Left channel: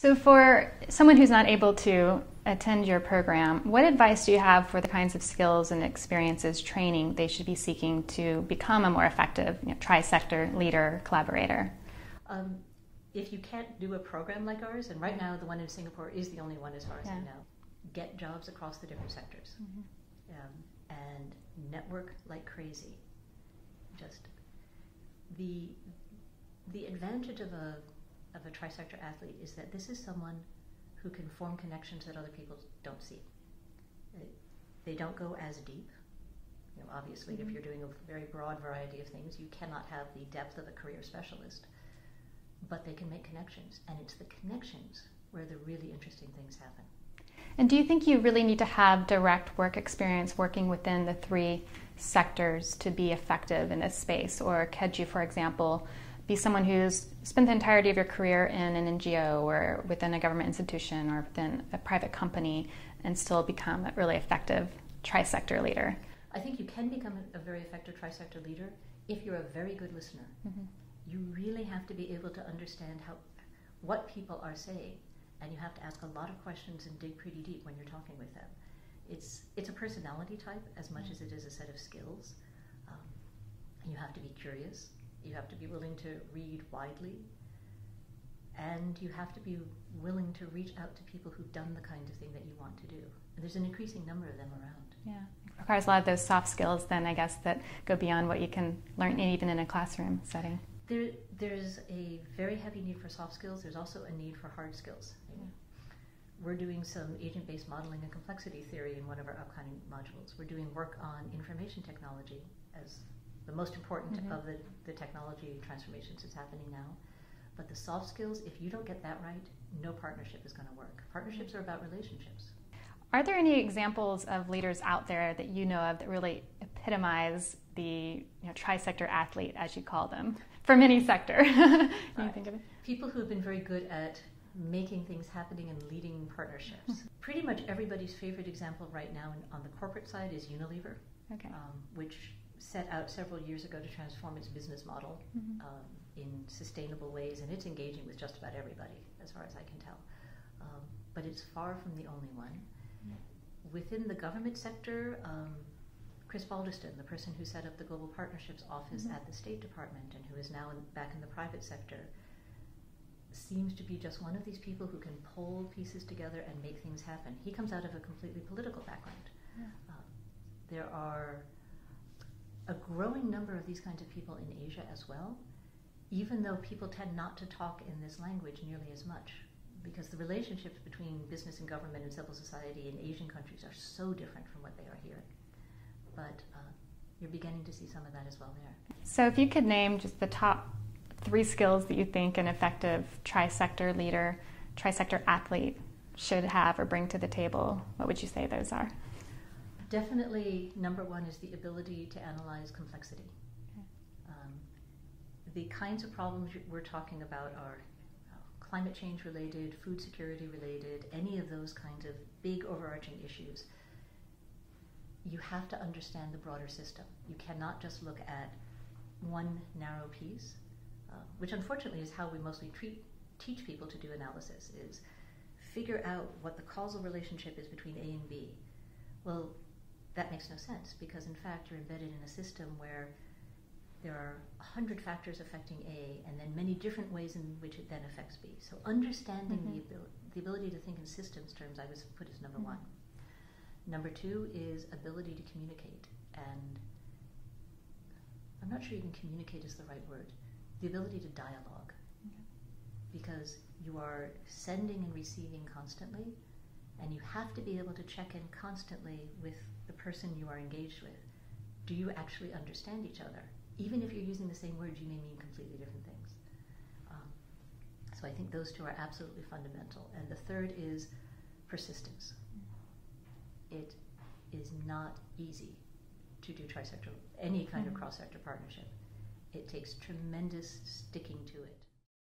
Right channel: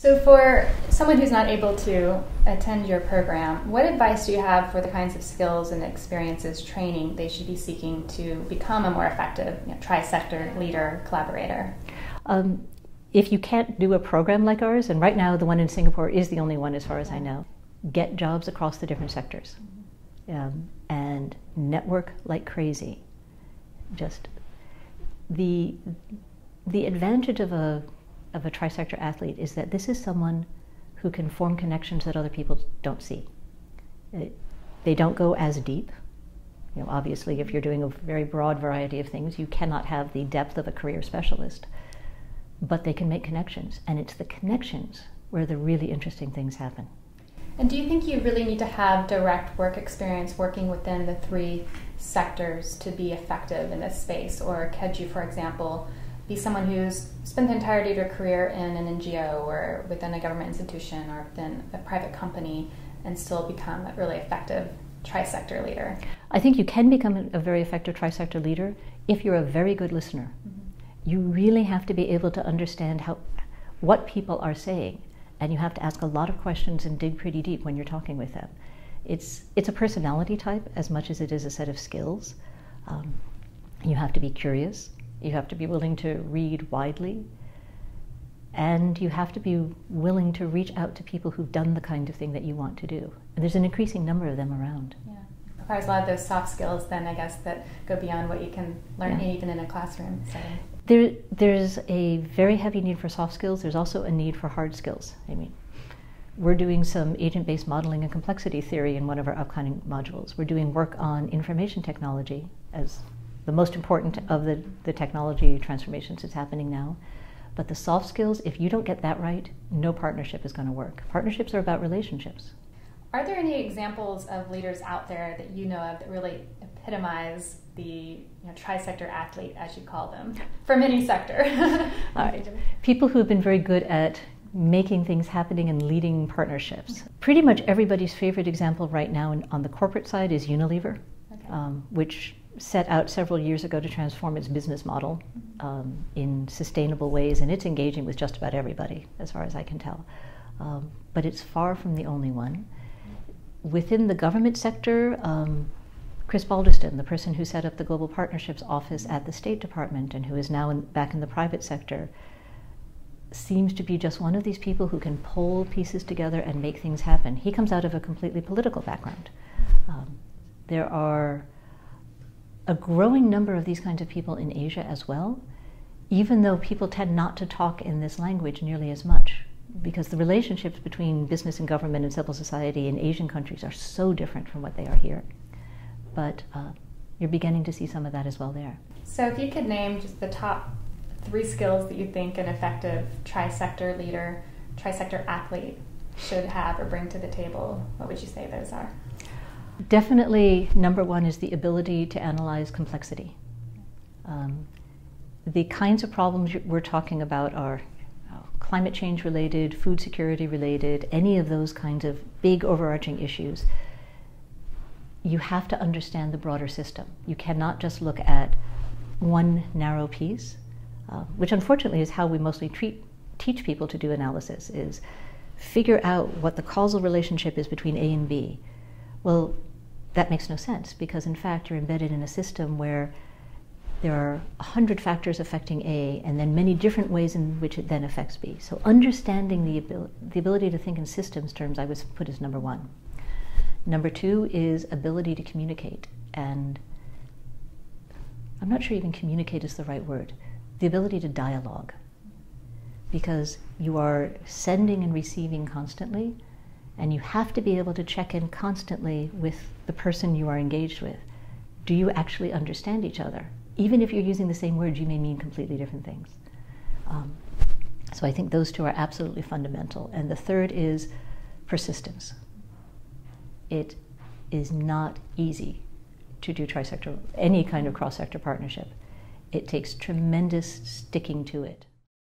So for someone who's not able to attend your program, what advice do you have for the kinds of skills and experiences, training they should be seeking to become a more effective tri-sector leader, collaborator? If you can't do a program like ours, and right now the one in Singapore is the only one as far as I know, get jobs across the different sectors and network like crazy. Just the advantage of a tri-sector athlete is that this is someone who can form connections that other people don't see. They don't go as deep. Obviously, if you're doing a very broad variety of things, you cannot have the depth of a career specialist. But they can make connections, and it's the connections where the really interesting things happen. And do you think you really need to have direct work experience working within the three sectors to be effective in this space? Or could you, for example, be someone who's spent the entirety of your career in an NGO or within a government institution or within a private company and still become a really effective tri-sector leader? I think you can become a very effective tri-sector leader if you're a very good listener. You really have to be able to understand what people are saying, and you have to ask a lot of questions and dig pretty deep when you're talking with them. It's a personality type as much as it is a set of skills. You have to be curious. You have to be willing to read widely, and you have to be willing to reach out to people who've done the kind of thing that you want to do. And there's an increasing number of them around. Yeah. It requires a lot of those soft skills then, I guess, that go beyond what you can learn even in a classroom setting. There's a very heavy need for soft skills. There's also a need for hard skills. I mean, we're doing some agent-based modeling and complexity theory in one of our upcoming modules. We're doing work on information technology as the most important of the technology transformations that's happening now. But the soft skills, if you don't get that right, no partnership is going to work. Partnerships are about relationships. Are there any examples of leaders out there that you know of that really epitomize the tri-sector athlete, as you call them, from any sector? All right. People who have been very good at making things happening and leading partnerships. Pretty much everybody's favorite example right now on the corporate side is Unilever, which set out several years ago to transform its business model in sustainable ways, and it's engaging with just about everybody, as far as I can tell. But it's far from the only one. Within the government sector, Chris Balderston, the person who set up the Global Partnerships Office at the State Department and who is now back in the private sector, seems to be just one of these people who can pull pieces together and make things happen. He comes out of a completely political background. There are a growing number of these kinds of people in Asia as well, even though people tend not to talk in this language nearly as much, because the relationships between business and government and civil society in Asian countries are so different from what they are here. But you're beginning to see some of that as well there. So if you could name just the top 3 skills that you think an effective tri-sector leader, tri-sector athlete should have or bring to the table, what would you say those are? Definitely number 1 is the ability to analyze complexity. The kinds of problems we're talking about are climate change related, food security related, any of those kinds of big overarching issues. You have to understand the broader system. You cannot just look at one narrow piece, which unfortunately is how we mostly teach people to do analysis, is figure out what the causal relationship is between A and B. Well, that makes no sense, because in fact you're embedded in a system where there are 100 factors affecting A and then many different ways in which it then affects B. So understanding the ability to think in systems terms I would put as number 1. Number 2 is ability to communicate, and I'm not sure even communicate is the right word, the ability to dialogue, because you are sending and receiving constantly, and you have to be able to check in constantly with the person you are engaged with. Do you actually understand each other? Even if you're using the same words, you may mean completely different things. So I think those 2 are absolutely fundamental. And the third is persistence. It is not easy to do tri-sector, any kind of cross-sector partnership. It takes tremendous sticking to it.